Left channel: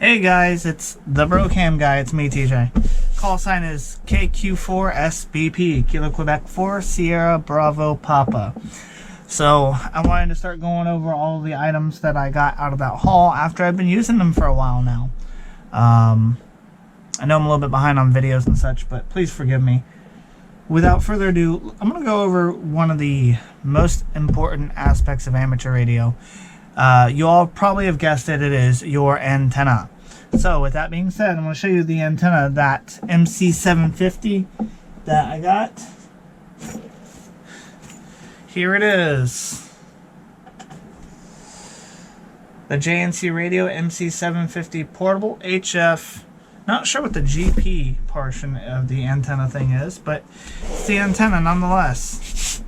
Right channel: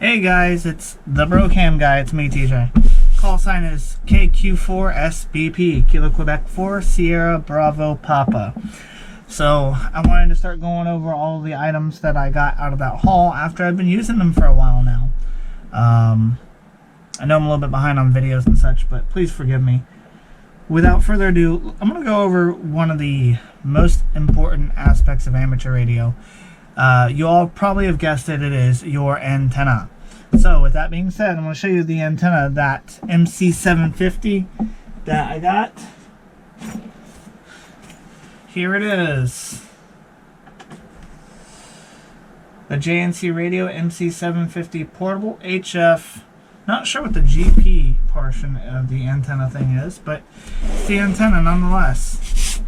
Hey guys, it's the Brocam guy. It's me, TJ. Call sign is KQ4SBP, Kilo Quebec 4 Sierra Bravo Papa. So I wanted to start going over all the items that I got out of that haul after I've been using them for a while now. I know I'm a little bit behind on videos and such, but please forgive me. Without further ado, I'm going to go over one of the most important aspects of amateur radio. You all probably have guessed it, it is your antenna. So with that being said, I'm going to show you the antenna, that MC750 that I got. Here it is. The JNC Radio MC750 Portable HF. Not sure what the GP portion of the antenna thing is, but it's the antenna nonetheless.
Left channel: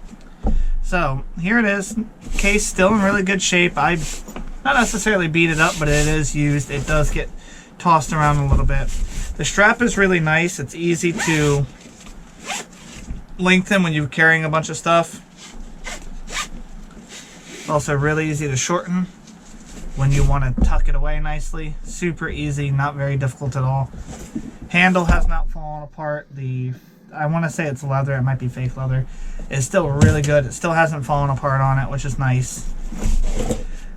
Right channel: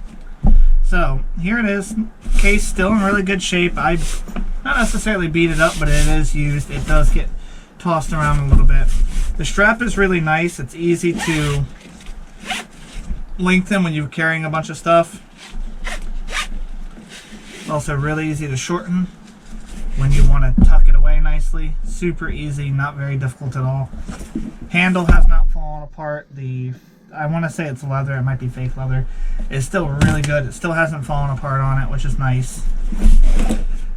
So here it is. Case still in really good shape. I not necessarily beat it up, but it is used. It does get tossed around a little bit. The strap is really nice. It's easy to lengthen when you're carrying a bunch of stuff. It's also really easy to shorten when you want to tuck it away nicely. Super easy, not very difficult at all. Handle has not fallen apart. I want to say it's leather, it might be fake leather. It's still really good. It still hasn't fallen apart on it, which is nice.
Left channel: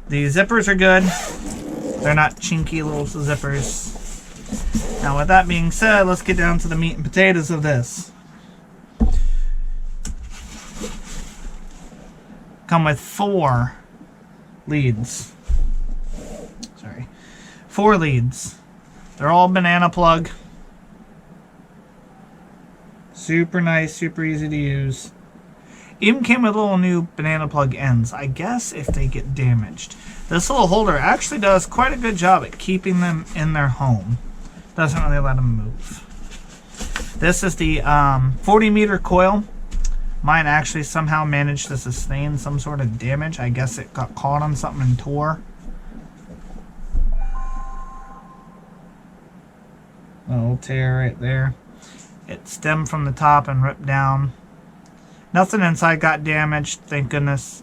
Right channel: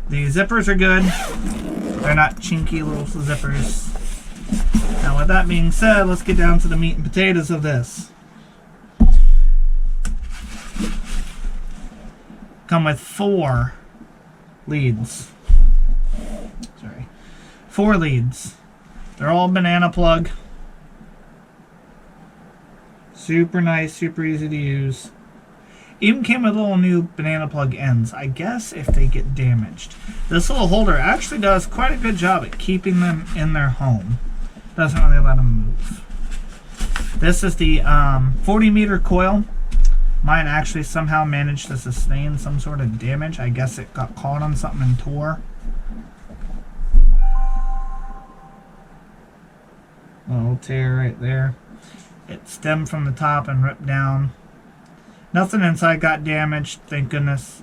The zippers are good. They're not chinky little zippers. Now with that being said, let's get down to the meat and potatoes of this. Come with 4 leads. Sorry. 4 leads. They're all banana plug. Super nice, super easy to use. Even came with little new banana plug ends, I guess if they get damaged. This little holder actually does quite a good job at keeping them in their home. Doesn't really let them move. This is the 40 meter coil. Mine actually somehow managed to sustain some sort of damage. I guess it got caught on something and tore. A little tear right there. It stemmed from the top and ripped down. Nothing inside got damaged, thank goodness.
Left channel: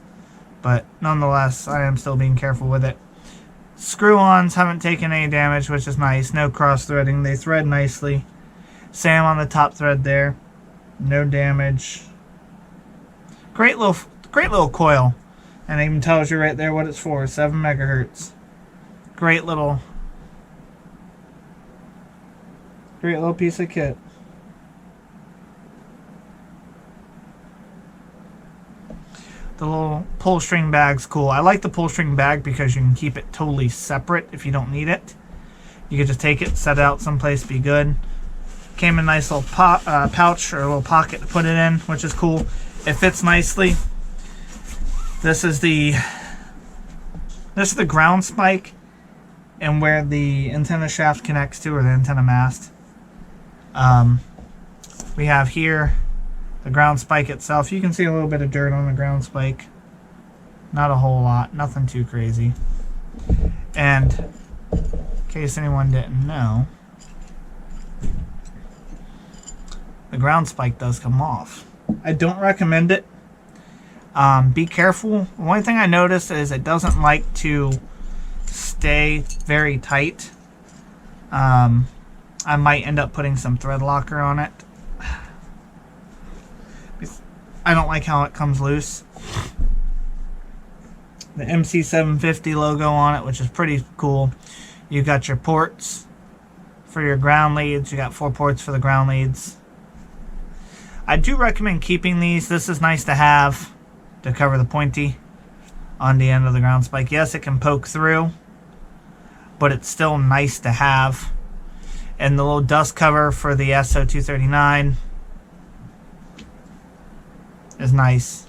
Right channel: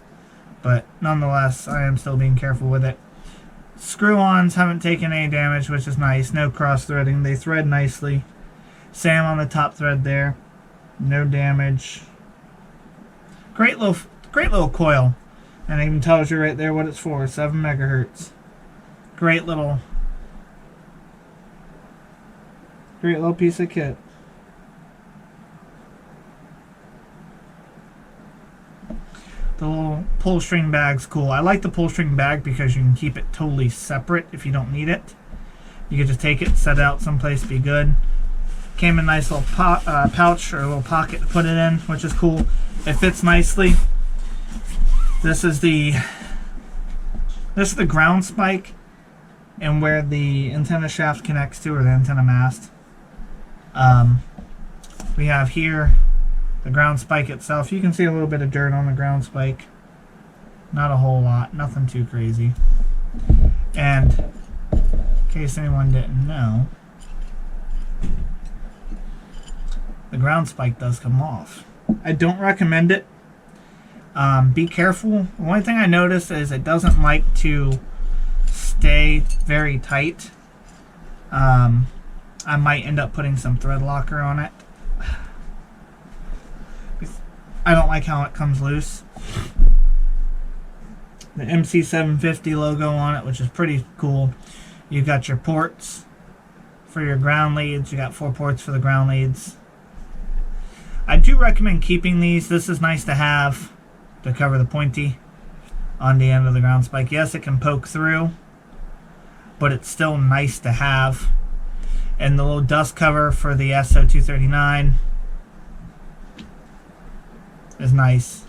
But nonetheless, I am still being careful with it. Screw-ons haven't taken any damage, which is nice. No cross-threading. They thread nicely. Same on the top thread there. No damage. Great little coil. And it even tells you right there what it's for. 7 megahertz. Great little piece of kit. The little pull string bag's cool. I like the pull string bag because you can keep it totally separate if you don't need it. You can just take it, set it out someplace, be good. Came in a nice little pouch or a little pocket to put it in, which is cool. It fits nicely. This is the ground spike and where the antenna shaft connects to, or the antenna mast. We have here the ground spike itself. You can see a little bit of dirt on the ground spike. Not a whole lot. Nothing too crazy. And in case anyone didn't know, the ground spike does come off. I don't recommend it. Be careful. The only thing I noticed is it doesn't like to stay very tight. I might end up putting some thread locker on it. I don't like how it comes loose. The MC750 logo on it, which is pretty cool. You got your ports for your ground leads. You got 4 ports for the ground leads. I do recommend keeping these. This is nice to have to cover the pointy on the end of the ground spike. Yes, it can poke through, but it's still nice to have. And the little dust cover for the SO239 is nice.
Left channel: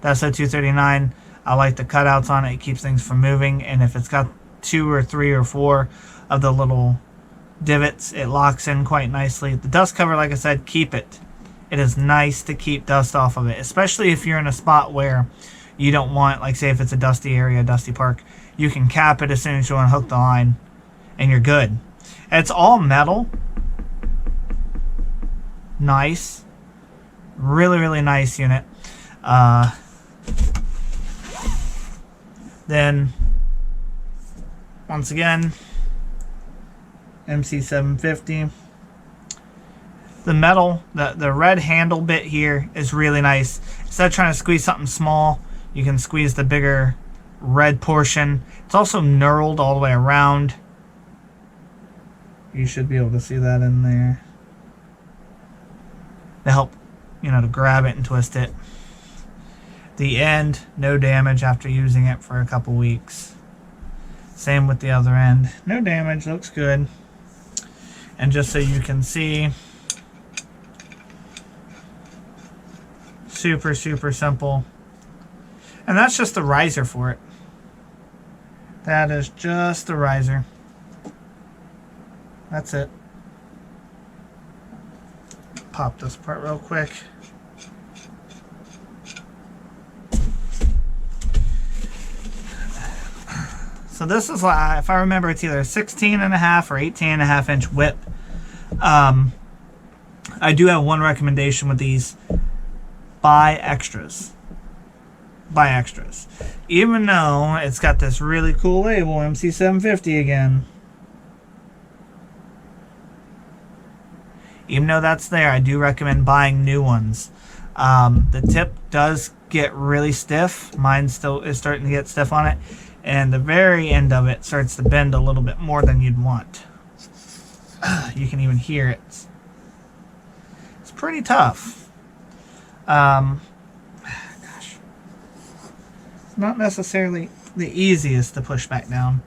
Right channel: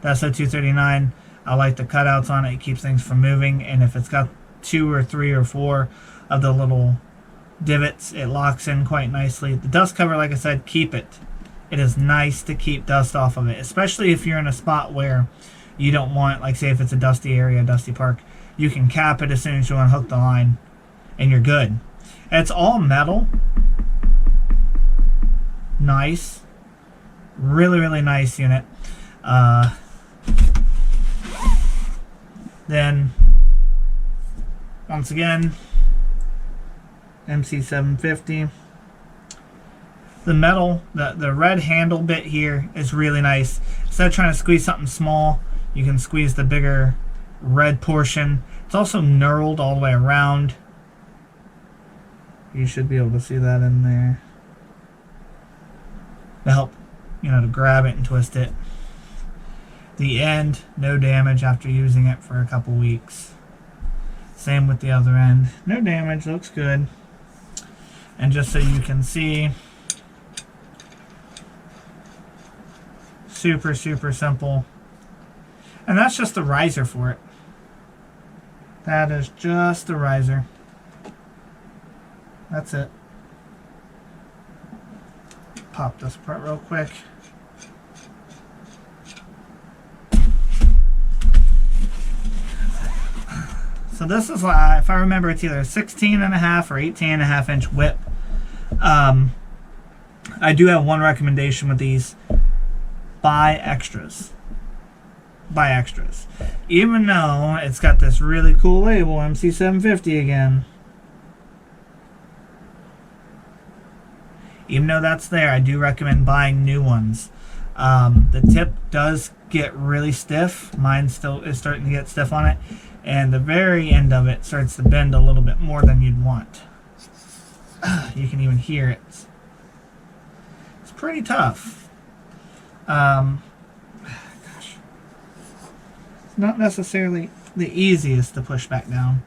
The SO239, I like the cutouts on it. It keeps things from moving, and if it's got 2 or 3 or 4 of the little divots, it locks in quite nicely. The dust cover, like I said, keep it. It is nice to keep dust off of it, especially if you're in a spot where you don't want, like say if it's a dusty area, a dusty park, you can cap it as soon as you want to hook the line and you're good. It's all metal. Nice. Really, really nice unit. Then, once again, MC750. The metal, the red handle bit here is really nice. Instead of trying to squeeze something small, you can squeeze the bigger red portion. It's also knurled all the way around. You should be able to see that in there. To help, to grab it and twist it. The end, no damage after using it for a couple weeks. Same with the other end. No damage, looks good. And just so you can see, super, super simple. And that's just the riser for it. That is just the riser. That's it. Pop this apart real quick. So this is, if I remember, it's either a 16.5 or 18.5 inch whip. I do have one recommendation with these. Buy extras. Buy extras. Even though it's got this really cool label, MC750 again. Even though that's there, I do recommend buying new ones. The tip does get really stiff. Mine still is starting to get stiff on it. And the very end of it starts to bend a little bit more than you'd want. You can even hear it. It's pretty tough. Gosh. It's not necessarily the easiest to push back down.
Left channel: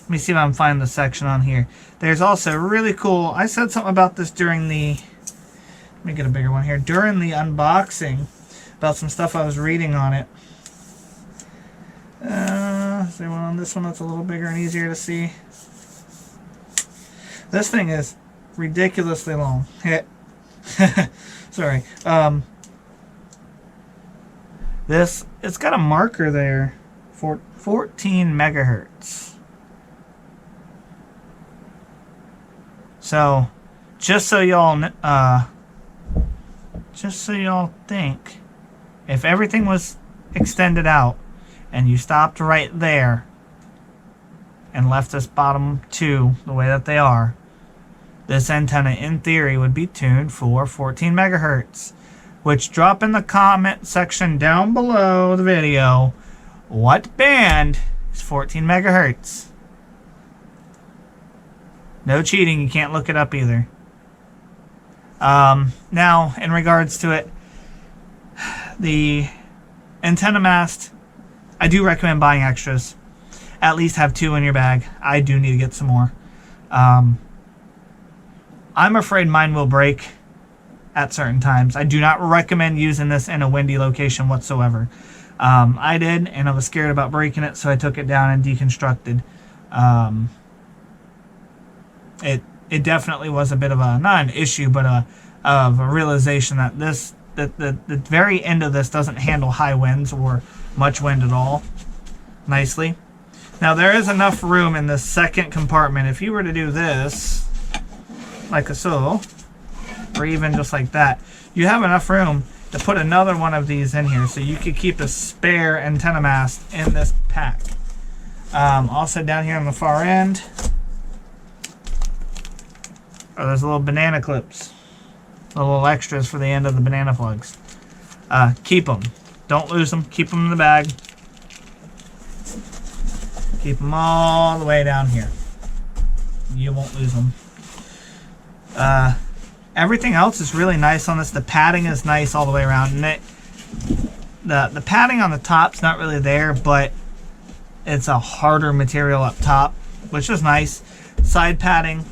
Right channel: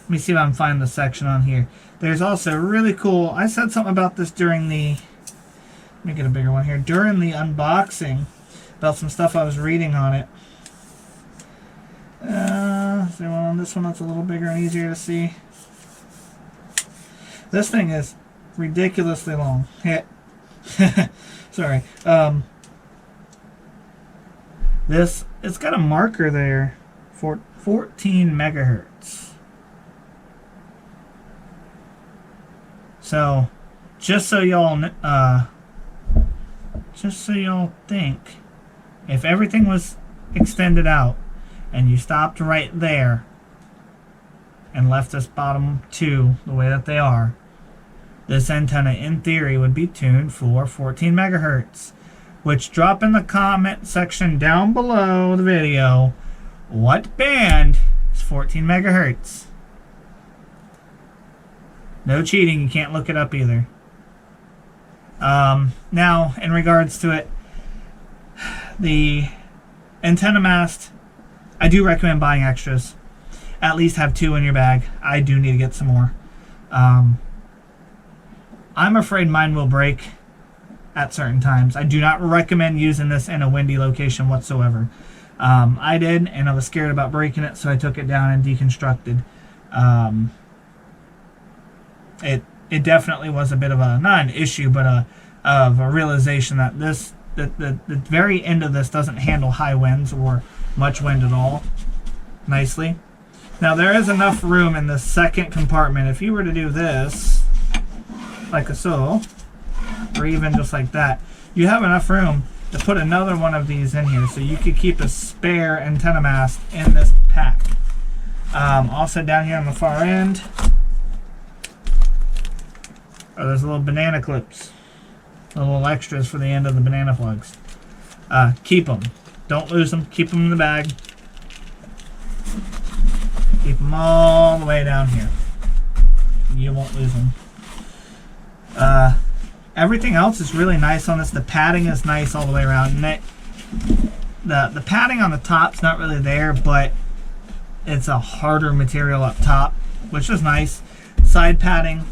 Let me see if I can find the section on here. There's also really cool, I said something about this during the, let me get a bigger one here, during the unboxing, about some stuff I was reading on it. Is there one on this one that's a little bigger and easier to see? This thing is ridiculously long. Sorry. It's got a marker there for 14 megahertz. So, just so y'all think, if everything was extended out and you stopped right there and left this bottom two the way that they are, this antenna in theory would be tuned for 14 megahertz. Which, drop in the comment section down below the video what band is 14 megahertz. No cheating, you can't look it up either. Now, in regards to it, the antenna mast, I do recommend buying extras. At least have 2 in your bag. I do need to get some more. I'm afraid mine will break at certain times. I do not recommend using this in a windy location whatsoever. I did, and I was scared about breaking it, so I took it down and deconstructed. It definitely was a bit of a, not an issue, but of a realization that the very end of this doesn't handle high winds or much wind at all nicely. Now there is enough room in the second compartment. If you were to do this like so, or even just like that, you have enough room to put another one of these in here, so you could keep a spare antenna mast in this pack. Also down here on the far end, there's little banana clips, little extras for the end of the banana plugs. Keep them. Don't lose them. Keep them in the bag. Keep them all the way down here. You won't lose them. Everything else is really nice on this. The padding is nice all the way around. And the padding on the top's not really there, but it's a harder material up top, which is nice. Side padding,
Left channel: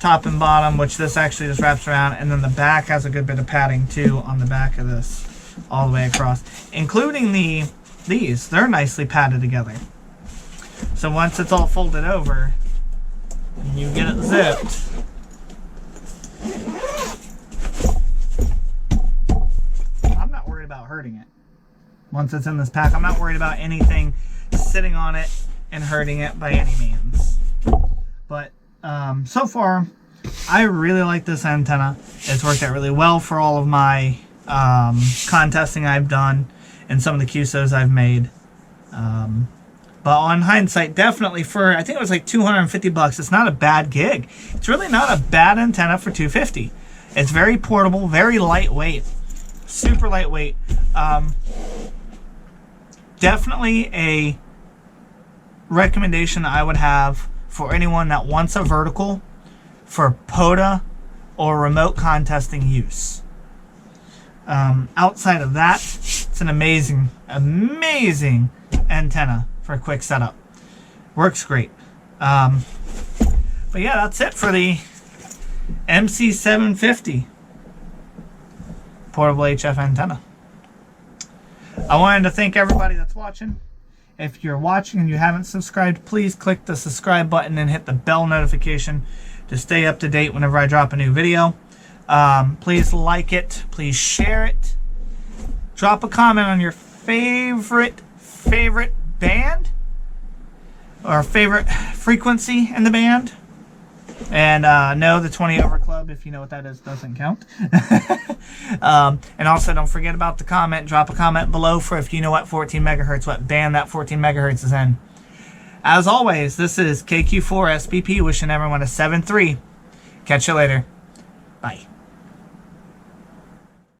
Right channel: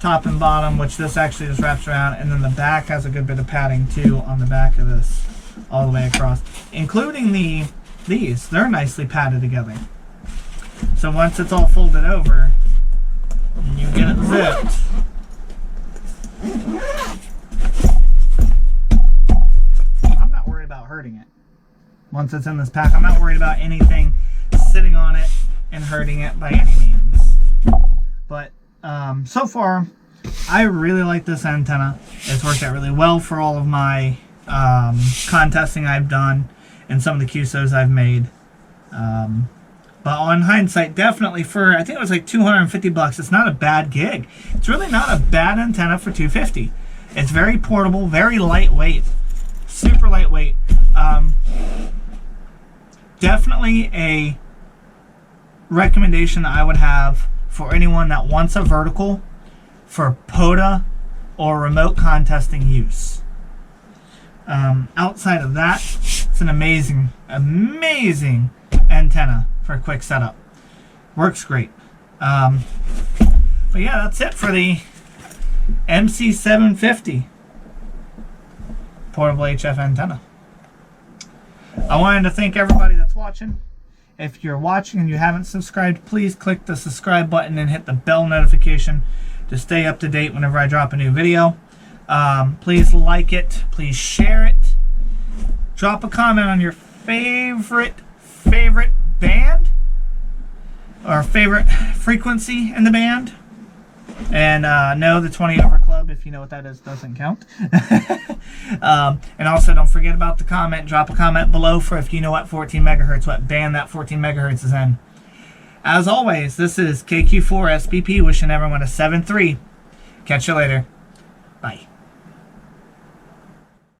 top and bottom, which this actually just wraps around, and then the back has a good bit of padding too on the back of this, all the way across, including these. They're nicely padded together. So once it's all folded over, and you get it zipped, I'm not worried about hurting it. Once it's in this pack, I'm not worried about anything sitting on it and hurting it by any means. But so far, I really like this antenna. It's worked out really well for all of my contesting I've done and some of the QSOs I've made. But on hindsight, definitely for, I think it was like 250 bucks, it's not a bad gig. It's really not a bad antenna for 250. It's very portable, very lightweight, super lightweight. Definitely a recommendation I would have for anyone that wants a vertical for POTA or remote contesting use. Outside of that, it's an amazing antenna for a quick setup. Works great. But yeah, that's it for the MC750 portable HF antenna. I wanted to thank everybody that's watching. If you're watching and you haven't subscribed, please click the subscribe button and hit the bell notification to stay up to date whenever I drop a new video. Please like it. Please share it. Drop a comment on your favorite band or favorite frequency in the band. And no, the 20 over club, if you know what that is, doesn't count. And also don't forget about the comment. Drop a comment below for if you know what 14 megahertz, what band that 14 megahertz is in. As always, this is KQ4SBP wishing everyone a 7-3. Catch you later. Bye.